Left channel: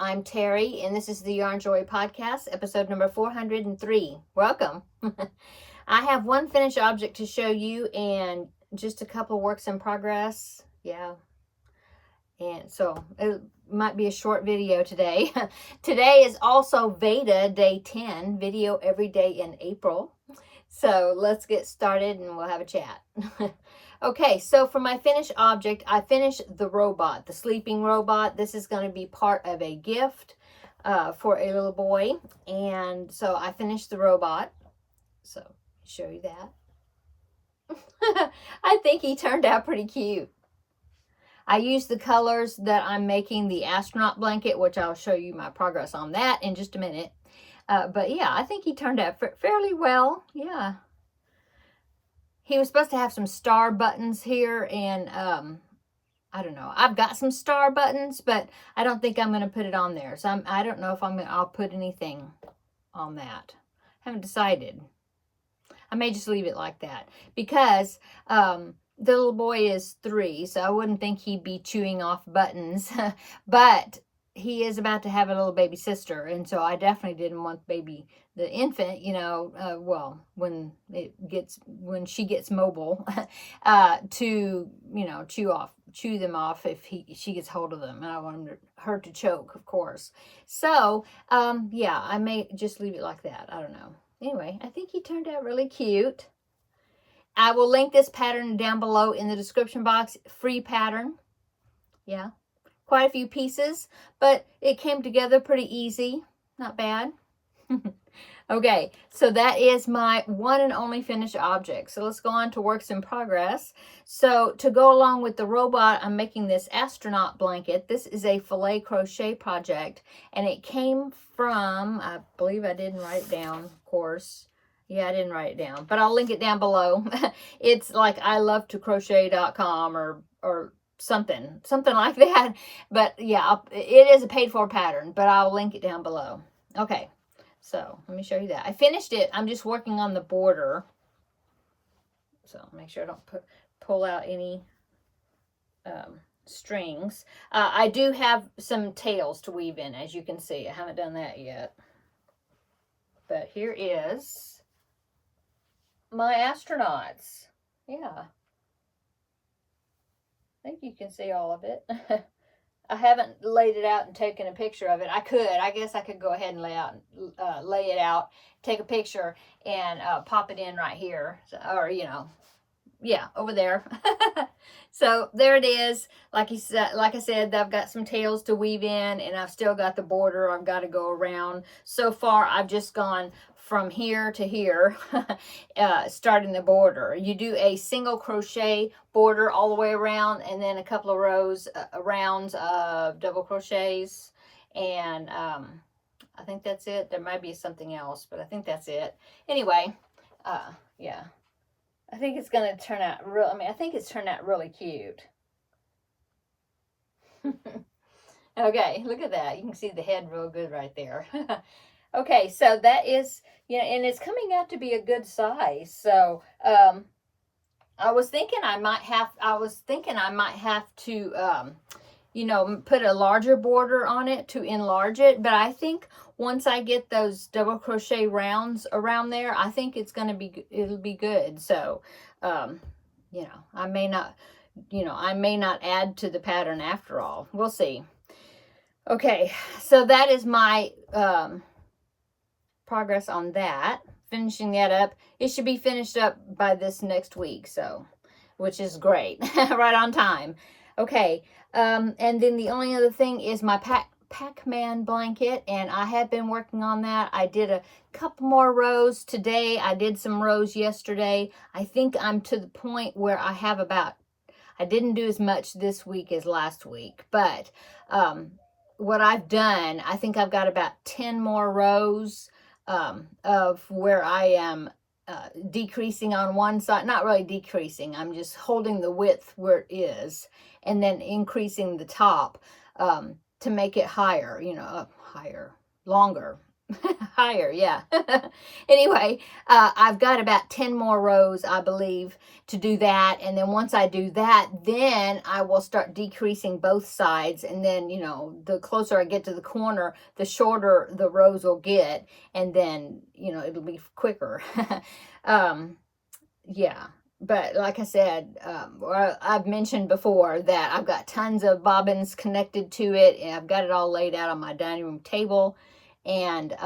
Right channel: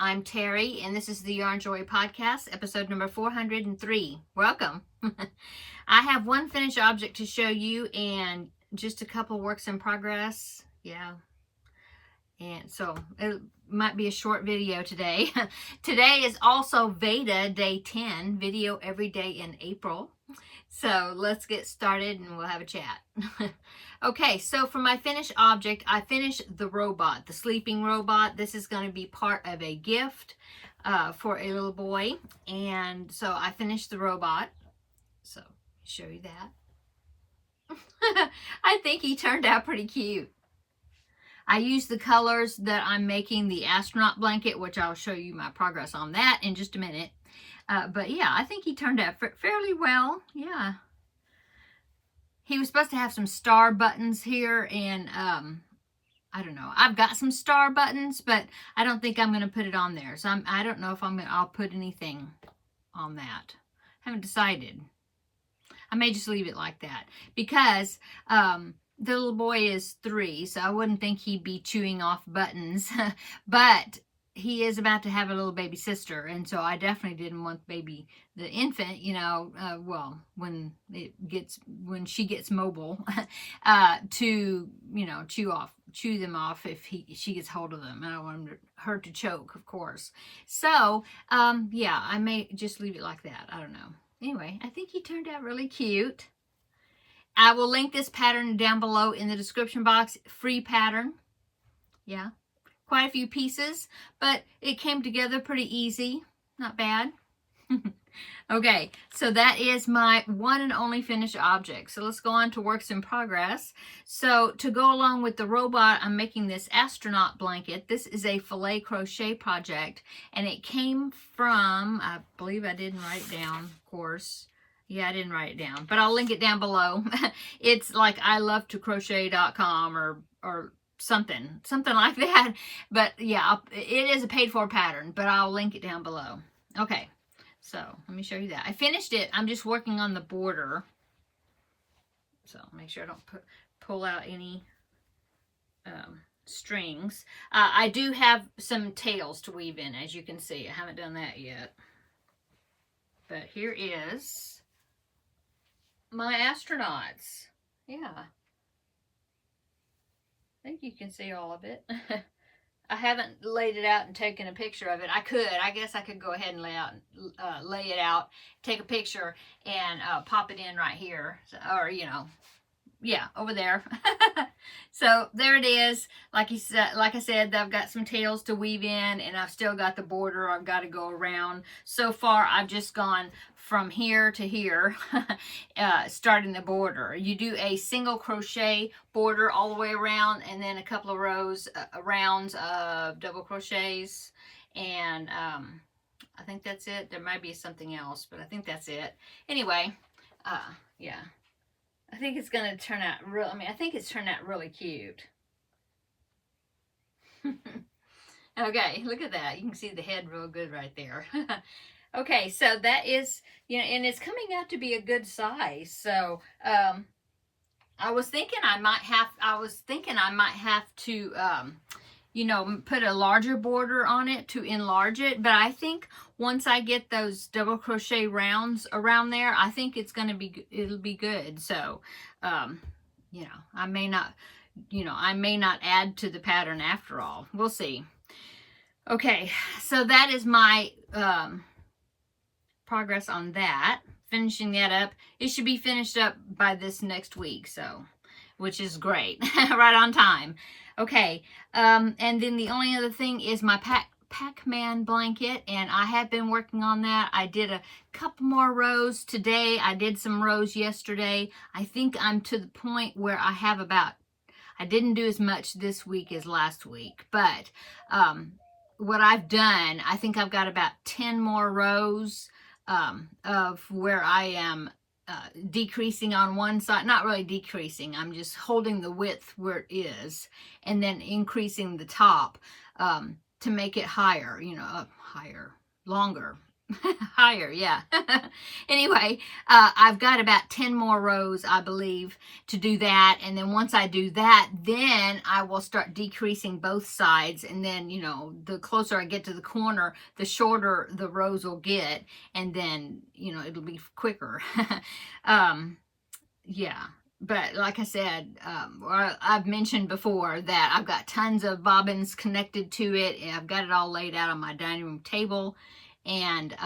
I'm Terry, and this is the Yarn Joy Podcast, episode number 403. Welcome. I have one finished object to show you and just a couple works in progress. Yeah. And so it might be a short video today. Today is also VEDA Day 10, video every day in April. So let's get started and we'll have a chat. Okay, so for my finished object, I finished the robot, the sleeping robot. This is going to be part of a gift for a little boy. And so I finished the robot. So show you that. I think he turned out pretty cute. I used the colors that I'm making the astronaut blanket, which I'll show you my progress on that in just a minute. But yeah, I think he turned out fairly well. Yeah. He was supposed to have some star buttons here, and I don't know. I've got some star buttons, but I don't think I'm going to put it on there. So I don't know if I'll put anything on that. Haven't decided. I may just leave it like that because the little boy is 3, so I wouldn't think he'd be chewing off buttons. But he is about to have a little baby sister, and so I definitely didn't want the infant, well, when she gets mobile, to chew them off if she gets hold of them, and I want her to choke, of course. So yeah, I may just leave it like that. I don't know. Anyway, I think he turned out really cute. I will link this pattern down below in the description box. Free pattern. Yeah. Quite a few pieces, but it came together pretty easy. Not bad. Okay, so that is my one and only finished object. So let's go on to works in progress. So to go along with the robot, I'm making this astronaut blanket. This is a filet crochet project, and it came from, I believe I didn't write it down, of course. Yeah, I didn't write it down, but I'll link it down below. It's like ilovetocrochet.com or something like that. But yeah, it is a paid for pattern, but I'll link it down below. Okay, so let me show you that. I finished it. I'm just working on the border, so make sure I don't pull out any strings. I do have some tails to weave in, as you can see. I haven't done that yet, but here is my astronauts. Yeah, I think you can see all of it. I haven't laid it out and taken a picture of it. I guess I could go ahead and lay it out, take a picture, and pop it in right here. So, or, yeah, over there. So there it is. Like I said, I've got some tails to weave in, and I've still got the border I've got to go around. So far, I've just gone from here to here, starting the border. You do a single crochet border all the way around, and then a couple of rounds of double crochets, and I think that's it. There might be something else, but I think that's it. Anyway, yeah, I think it's gonna turn out I think it's turned out really cute. Okay, look at that. You can see the head real good right there. Okay, so that is, and it's coming out to be a good size. So, I was thinking I might have to, put a larger border on it to enlarge it. But I think once I get those double crochet rounds around there, I think it'll be good. So, I may not add to the pattern after all. We'll see. Okay, so that is my, progress on that, finishing that up. It should be finished up by this next week, so, which is great. Right on time. Okay, and then the only other thing is my Pac-Man blanket, and I have been working on that. I did a couple more rows today. I did some rows yesterday. I think I'm to the point where I didn't do as much this week as last week, but what I've done, I think I've got about 10 more rows of where I am decreasing on one side. Not really decreasing, I'm just holding the width where it is, and then increasing the top to make it higher, up higher, longer, Higher, yeah. Anyway, I've got about 10 more rows, I believe, to do that. And then once I do that, then I will start decreasing both sides. And then, you know, the closer I get to the corner, the shorter the rows will get. And then, you know, it'll be quicker. Yeah. But like I said, I've mentioned before that I've got tons of bobbins connected to it. And I've got it all laid out on my dining room table. And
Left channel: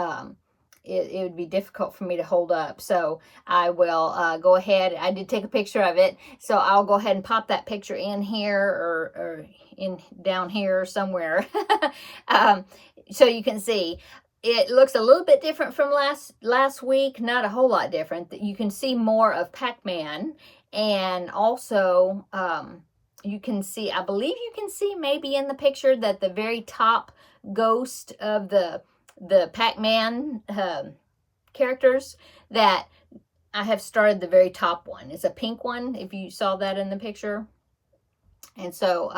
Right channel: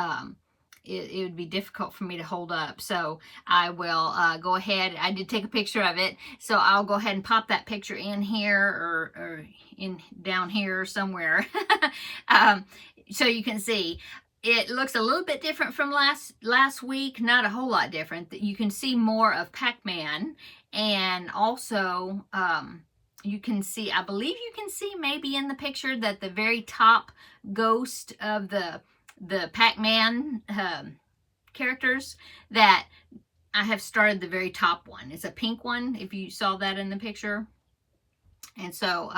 it would be difficult for me to hold up. So I will go ahead. I did take a picture of it. So I'll go ahead and pop that picture in here or in down here somewhere. So you can see. It looks a little bit different from last week. Not a whole lot different. You can see more of Pac-Man. And also you can see, I believe you can see maybe in the picture that the very top ghost of the Pac-Man characters, that I have started the very top one. It's a pink one, if you saw that in the picture. And so,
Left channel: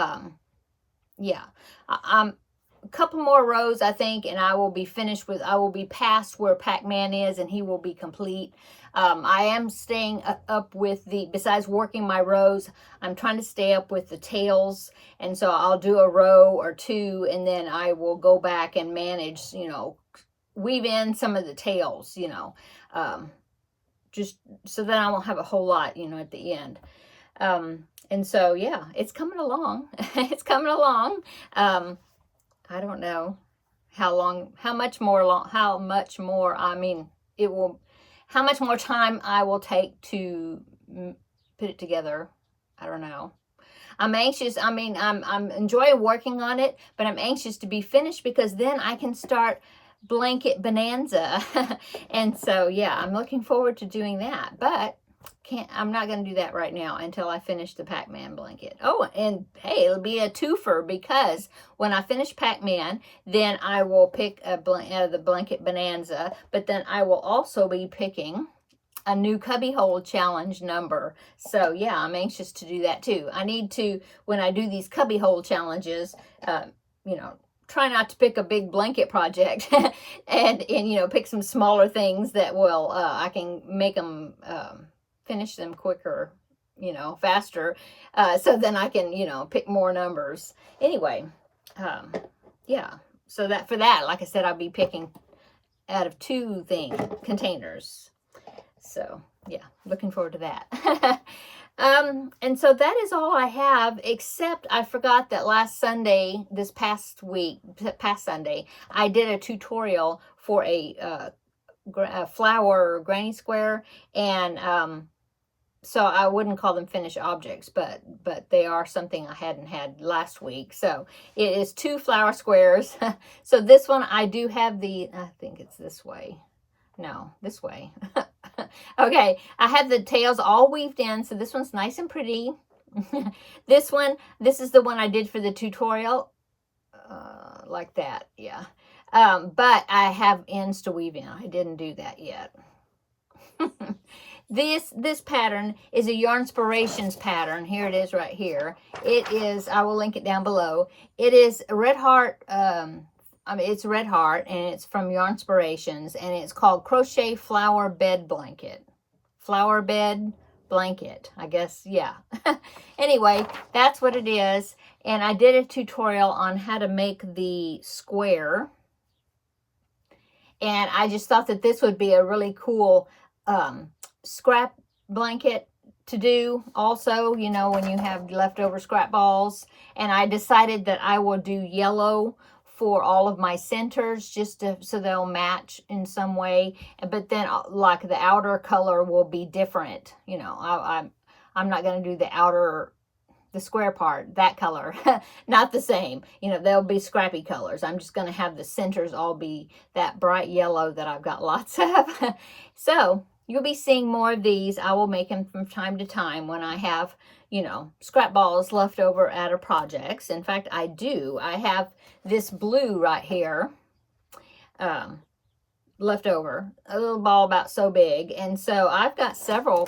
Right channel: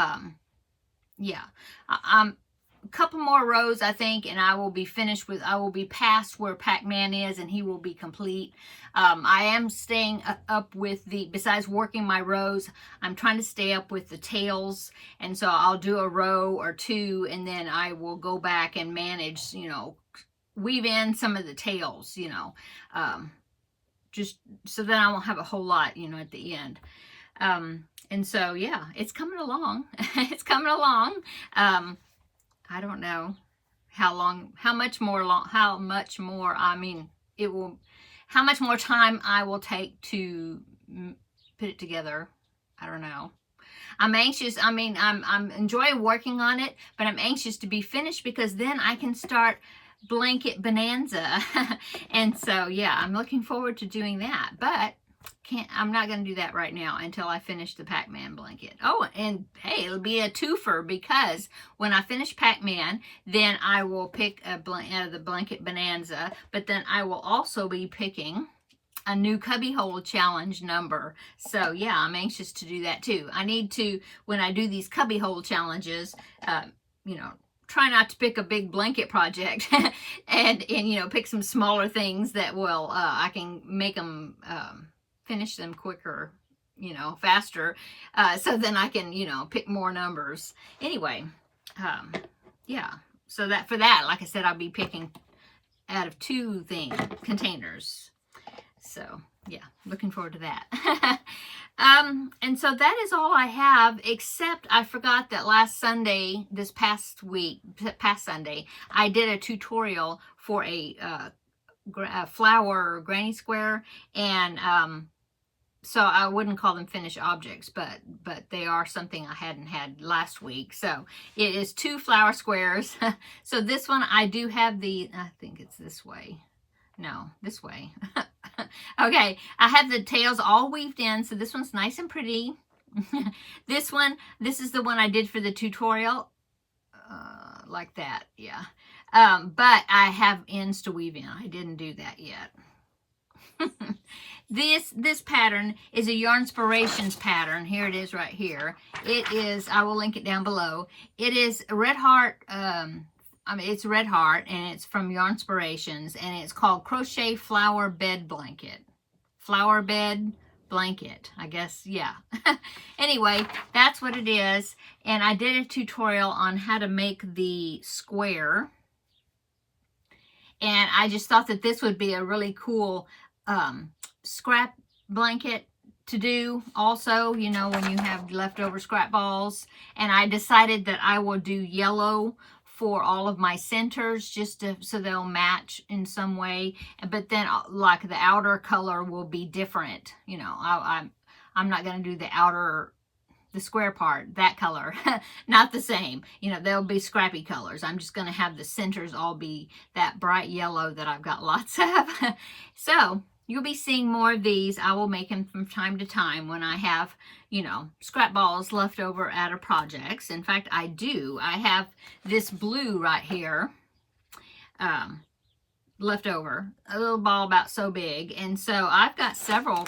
yeah, I'm a couple more rows, I think, and I will be finished with, I will be past where Pac-Man is, and he will be complete. I am staying up with the, besides working my rows, I'm trying to stay up with the tails. And so I'll do a row or two, and then I will go back and manage, you know, weave in some of the tails, you know, just so that I won't have a whole lot, you know, at the end. And so, yeah, it's coming along. It's coming along. I don't know how much more, I mean, it will, how much more time I will take to put it together. I don't know. I'm anxious. I mean, I'm enjoying working on it, but I'm anxious to be finished because then I can start blanket bonanza. And so, yeah, I'm looking forward to doing that, but I'm not going to do that right now until I finish the Pac-Man blanket. Oh, and hey, it'll be a twofer because when I finish Pac-Man, then I will pick the blanket bonanza, but then I will also be picking a new cubbyhole challenge number. So yeah, I'm anxious to do that too. I need to, when I do these cubbyhole challenges, you know, try not to pick a big blanket project and you know, pick some smaller things that will, I can make them, finish them quicker, you know, faster, so then I can, you know, pick more numbers. Anyway, yeah, so that for that, like I said, I'll be picking out of 2 containers. So yeah, looking forward to that. And so that is all I have, except I forgot that last Sunday, this past Sunday, I did a tutorial for a flower granny square, and so I wouldn't call them finished objects, but they are something I hadn't had last week. So it is 2 flower squares. So this one I do have the, I think it's this way. No, this way. Okay, I have the tails all weaved in, so this one's nice and pretty. This is the one I did for the tutorial, like that, yeah. But I have ends to weave in. I didn't do that yet. This pattern is a Yarnspirations pattern. Here it is right here. It is, I will link it down below. It is Red Heart, I mean, it's Red Heart, and it's from Yarnspirations, and it's called Crochet Flower Bed Blanket. Flower Bed Blanket, I guess, yeah. Anyway, that's what it is, and I did a tutorial on how to make the square, and I just thought that this would be a really cool scrap blanket to do also, you know, when you have leftover scrap balls. And I decided that I will do yellow for all of my centers, just so they'll match in some way. But then like the outer color will be different. You know, I'm not going to do the square part, that color, not the same. You know, they'll be scrappy colors. I'm just going to have the centers all be that bright yellow that I've got lots of. So you'll be seeing more of these. I will make them from time to time when I have, you know, scrap balls left over out of projects. In fact, I do. I have this blue right here left over, a little ball about so big. And so I've got several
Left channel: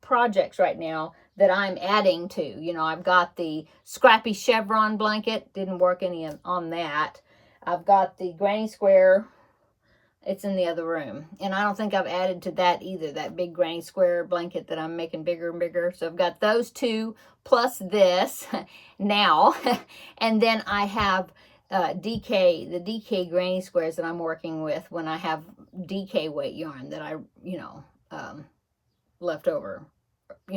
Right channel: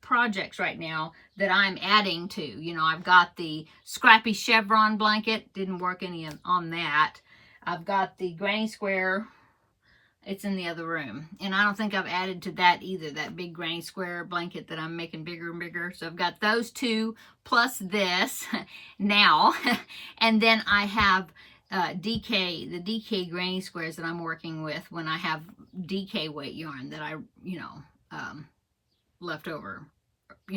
projects right now that I'm adding to. You know, I've got the scrappy chevron blanket. Didn't work any on that. I've got the granny square It's in the other room. And I don't think I've added to that either, that big granny square blanket that I'm making bigger and bigger. So I've got those two plus this now. And then I have the DK granny squares that I'm working with when I have DK weight yarn that I, left over,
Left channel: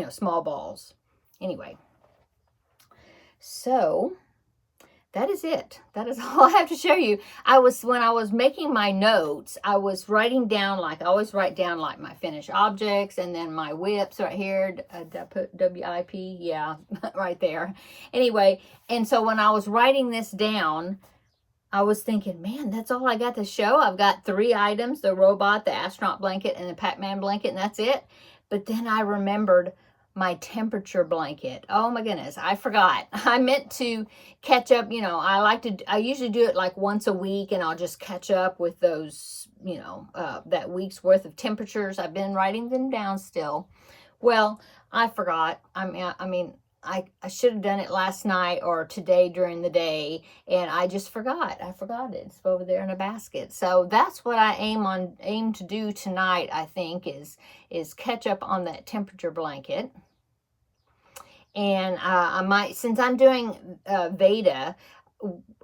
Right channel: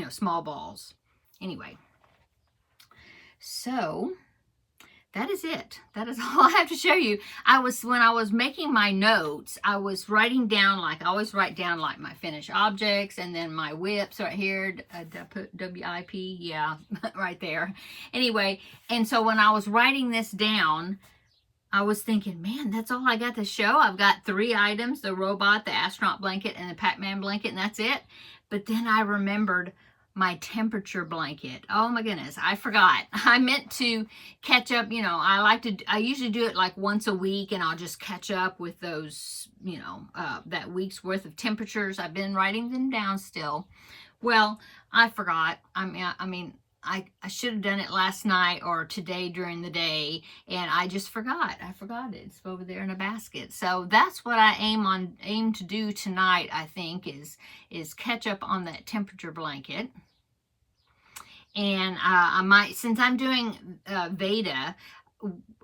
small balls. Anyway, so that is it. That is all I have to show you. When I was making my notes, I was writing down, like I always write down like my finished objects and then my whips right here. Did I put W-I-P? Yeah, right there. Anyway, and so when I was writing this down, I was thinking, man, that's all I got to show. I've got 3 items, the robot, the astronaut blanket, and the Pac-Man blanket, and that's it. But then I remembered my temperature blanket. Oh my goodness, I forgot. I meant to catch up, I usually do it like once a week, and I'll just catch up with those, that week's worth of temperatures. I've been writing them down still. Well, I forgot. I should have done it last night or today during the day, and I just forgot. I forgot it. It's over there in a basket. So that's what I aim to do tonight, I think, is catch up on that temperature blanket. And I might, since I'm doing VEDA,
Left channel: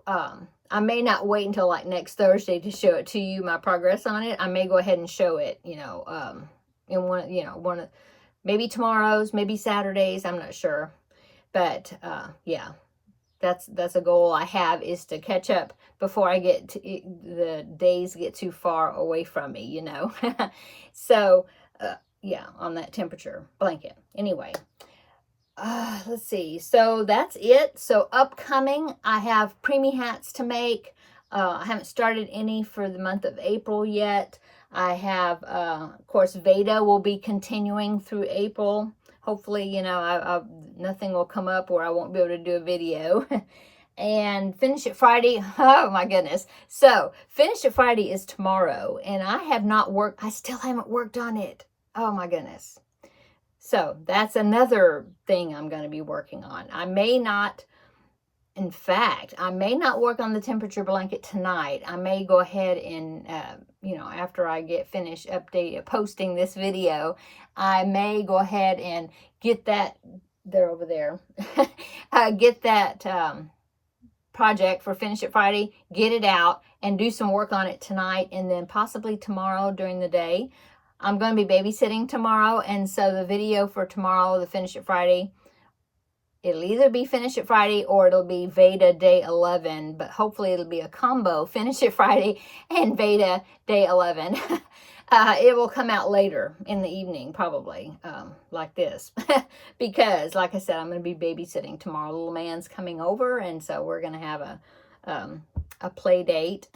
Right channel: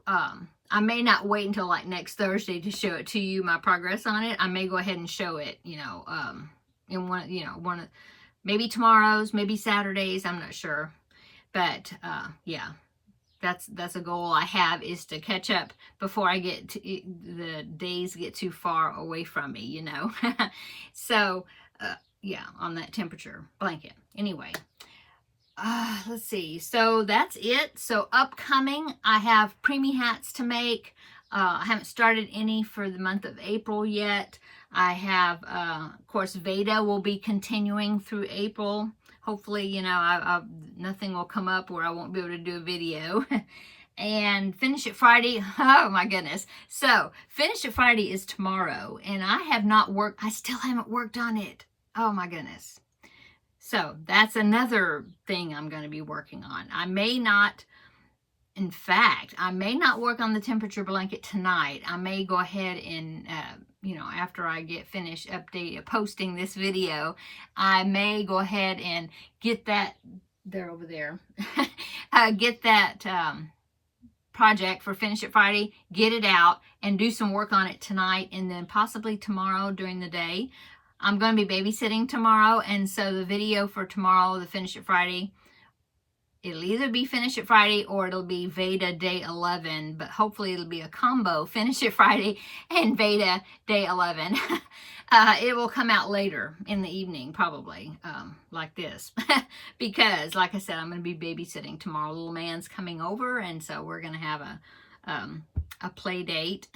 I may not wait until like next Thursday to show it to you, my progress on it. I may go ahead and show it, in one, maybe tomorrow's, maybe Saturdays, I'm not sure. But yeah, that's a goal I have, is to catch up before I get to, the days get too far away from me, So yeah, on that temperature blanket. Anyway, let's see. So that's it. So upcoming, I have preemie hats to make. I haven't started any for the month of April yet. I have, of course, VEDA will be continuing through April. Hopefully, nothing will come up where I won't be able to do a video. And Finish It Friday, oh my goodness. So, Finish It Friday is tomorrow, and I still haven't worked on it. Oh my goodness. So, that's another thing I'm going to be working on. In fact, I may not work on the temperature blanket tonight. I may go ahead and, after I get finished posting this video, I may go ahead and get that, they're over there, get that project for Finish It Friday, get it out, and do some work on it tonight, and then possibly tomorrow during the day. I'm going to be babysitting tomorrow, and so the video for tomorrow, the Finish It Friday, it'll either be Finish It Friday or it'll be VEDA Day 11, but hopefully it'll be a combo, Finish It Friday and VEDA Day 11. It will come out later in the evening, probably, like this. Because, like I said, I'm going to be babysitting tomorrow. Little man's coming over, and so we're going to have a play date.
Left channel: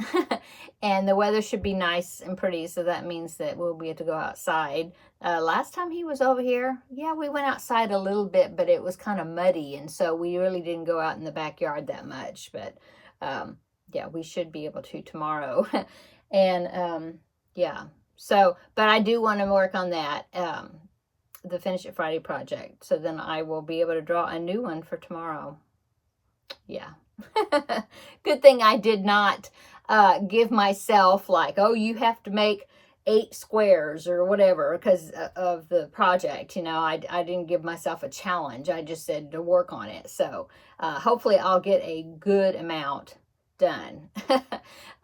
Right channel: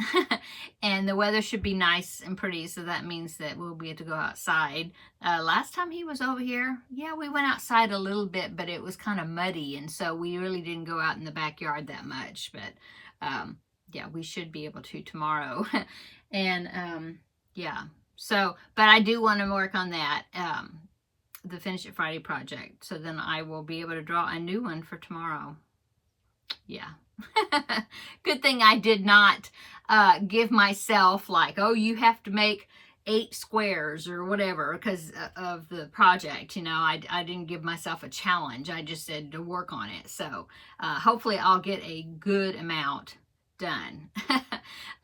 And the weather should be nice and pretty, so that means that we'll be able to go outside. Last time he was over here, yeah, we went outside a little bit, but it was kind of muddy, and so we really didn't go out in the backyard that much. But yeah, we should be able to tomorrow. And yeah, so, but I do want to work on that, the Finish It Friday project, so then I will be able to draw a new one for tomorrow. Yeah. Good thing I did not give myself like, oh, you have to make 8 squares or whatever because of the project. I didn't give myself a challenge. I just said to work on it. So hopefully I'll get a good amount done.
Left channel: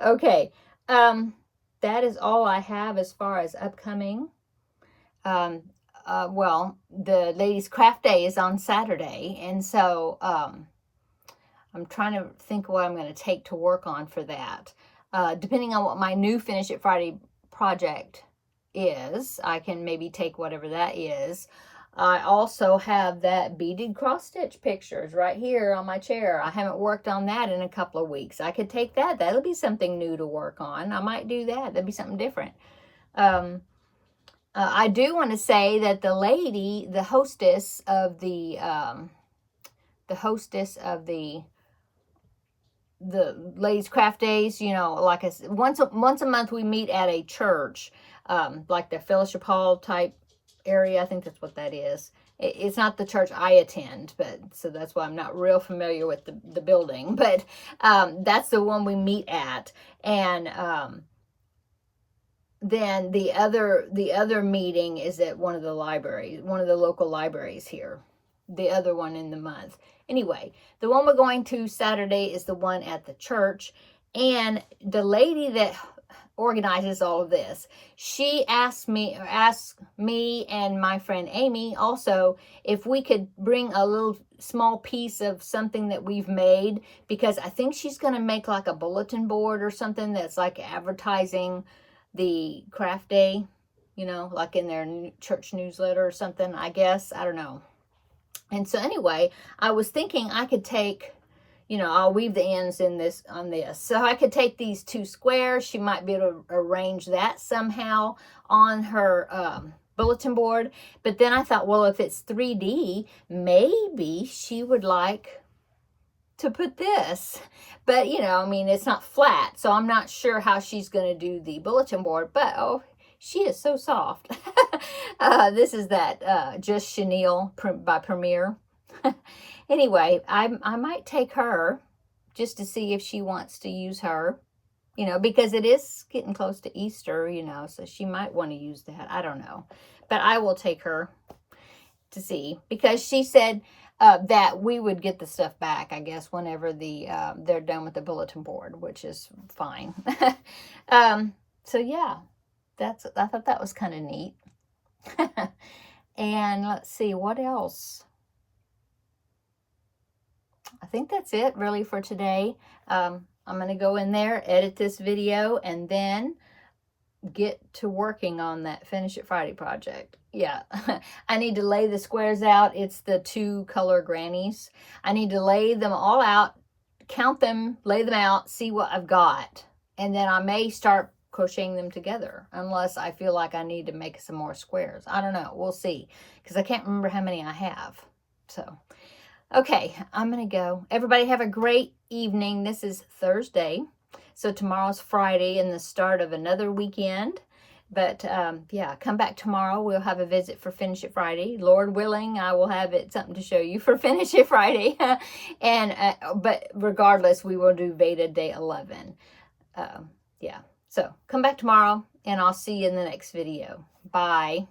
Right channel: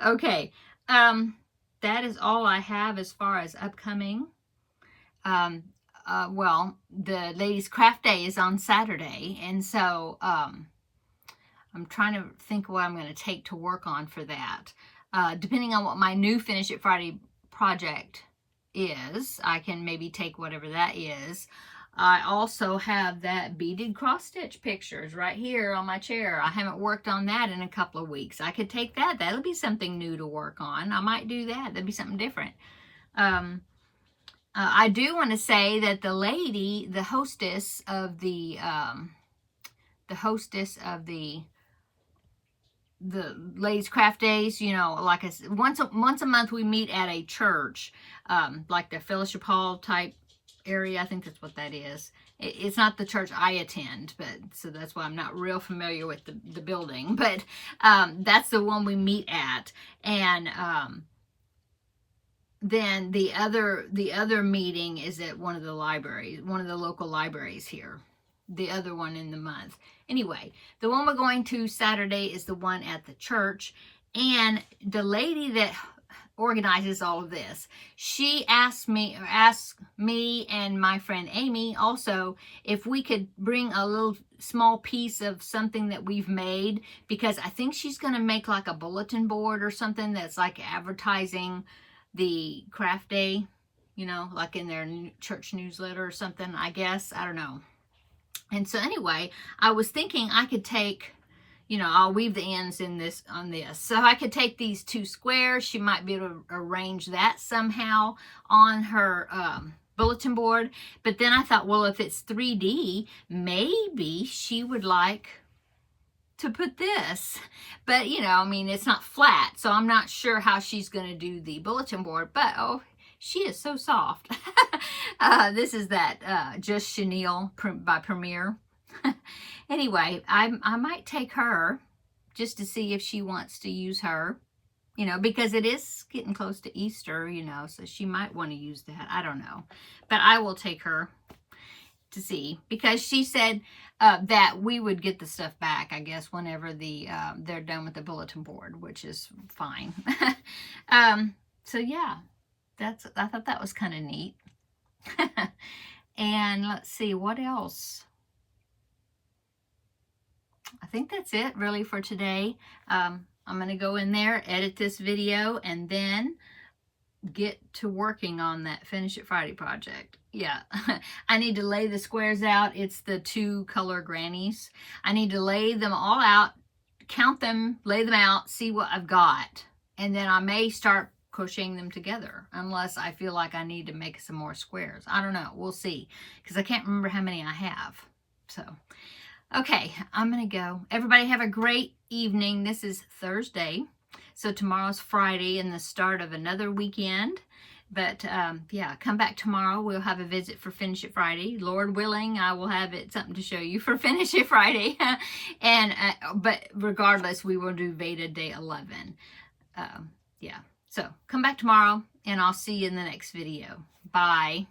Okay. That is all I have as far as upcoming. Well, the Ladies Craft Day is on Saturday, and so I'm trying to think what I'm going to take to work on for that. Depending on what my new Finish It Friday project is, I can maybe take whatever that is. I also have that beaded cross stitch pictures right here on my chair. I haven't worked on that in a couple of weeks. I could take that. That'll be something new to work on. I might do that. That'd be something different. I do want to say that the hostess of the Ladies Craft Days, like I said, once a month we meet at a church, like the Fellowship Hall type area. I think that's what that is. It's not the church I attend, but so that's why I'm not real familiar with the building, but that's the one we meet at. And then the other meeting is at one of the libraries, one of the local libraries here. The other one in the month. Anyway, the one we're going to Saturday is the one at the church. And the lady that organizes all of this, she asked me and my friend Amy also if we could bring a little small piece of something that we've made, because I think she's going to make like a bulletin board or something that's like advertising the craft day, you know, like in their church newsletter or something, I guess. I don't know. And so anyway, I was thinking I could take, you know, I'll weave the ends in this on this. So I could take these 2 squares. She might be able to arrange that somehow on her bulletin board. But then I thought, well, if it's 3D, maybe she would like to put this. But, you know, I mean, it's not flat. So I'm not sure how she's going to do the bulletin board. But, oh, she is so soft. This is that Just Chenille by Premier. Anyway, I might take her just to see if she wants to use her, you know, because it is getting close to Easter, you know, so she might want to use that. I don't know. But I will take her to see, because she said that we would get the stuff back, I guess, whenever they're done with the bulletin board, which is fine. So, yeah. I thought that was kind of neat. And let's see, what else? I think that's it really for today. I'm going to go in there, edit this video, and then get to working on that Finish It Friday project. Yeah, I need to lay the squares out. It's the 2 color grannies. I need to lay them all out, count them, lay them out, see what I've got. And then I may start crocheting them together, unless I feel like I need to make some more squares. I don't know. We'll see, because I can't remember how many I have. So, okay, I'm going to go. Everybody have a great evening. This is Thursday, so tomorrow's Friday and the start of another weekend. But, yeah, come back tomorrow. We'll have a visit for Finish It Friday. Lord willing, I will have something to show you for Finish It Friday. And but regardless, we will do VEDA Day 11. Yeah. So come back tomorrow, and I'll see you in the next video. Bye.